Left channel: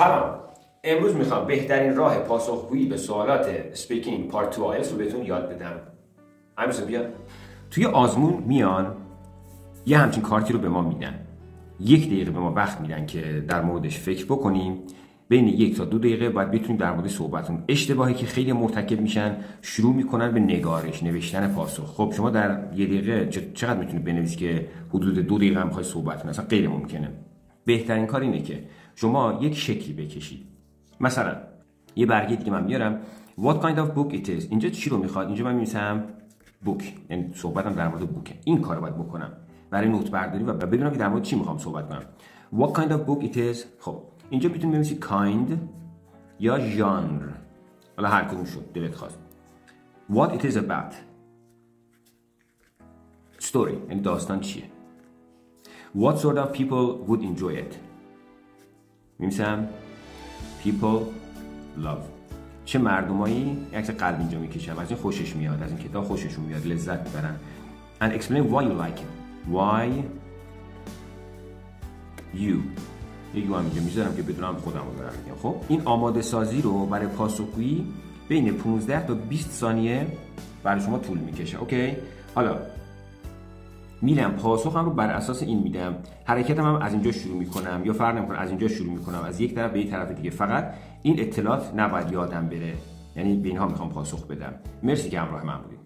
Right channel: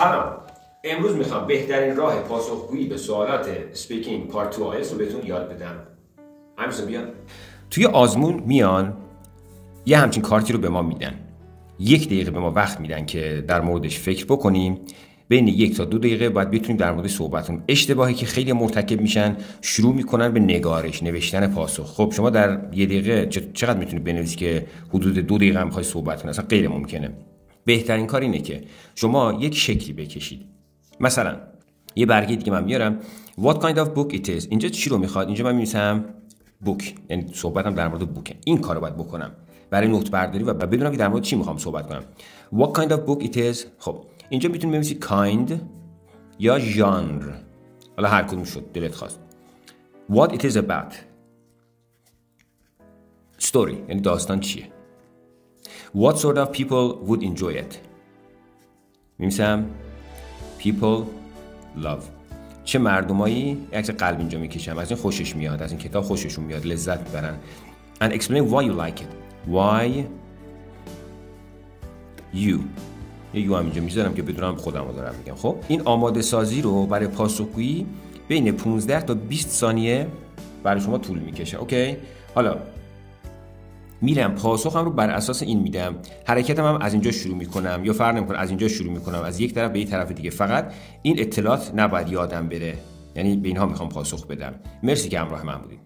سلام. امروز میخوام بهترین راه پاسخگویی به سوالات اسپیکینگ پارت 2 آیلتس رو بهتون یاد بدم. همین بیا. توی آزمون میان یه همچین کارتی رو به ما میدن. 1 دقیقه به ما وقت میدن که در موردش فکر بکنیم. بین 1 تا 2 دقیقه باید بتونیم در موردش صحبت کنیم. اشتباهی که خیلی مرتکب میشن شروع میکنن به نوشتن پاسخ. خب شما در 1 دقیقه چقدر میتونید بنویسید که حدود 2 دقیقه هم میخواید صحبت کنید؟ اصلا غیر ممکنه. بهترین کار اینه که شما یک شکلی بکشید. مثلا یه برگه دیگه من میارم what kind of book it is. اینجا چی رو میخواد؟ اینجا من می‌نویسم book، یعنی صحبتم در مورد بوکه. این کارو باید بکنم برای نوت برداری و بدونم که در مورد چی میخوام صحبت کنم. what kind of book it is. خب اینجا میتونید بنویسید kind یا genre، حالا هر کدوم شد دلت خواست. what it is about. story یعنی داستان چیه. what sort of people would enjoy it. می‌نویسم people love. چه مردمایی، عکس قلب اینجا میکشم، از این خوشش میاد، از این کتاب خوششون میاد، لذت میبرن. and explain why you like it. why you. یه یو هم اینجا میذارم که بدونم خودم رو دارم میگم. خب این آماده سازی رو برای پاسخگویی بین 15 تا 20 ثانیه برای شما طول میکشه. اوکی؟ حالا میرم پاسخم رو بر اساس این میدم. حرکتم هم از اینجا شروع میکنم یا فرق نمیکنه، از اینجا شروع میکنم از یک طرف به یک طرف دیگه. فقط این اطلاعات نباید یادم بره، یعنی به اینها میخوام پاسخ بدم. مرسی که همراه من بودید.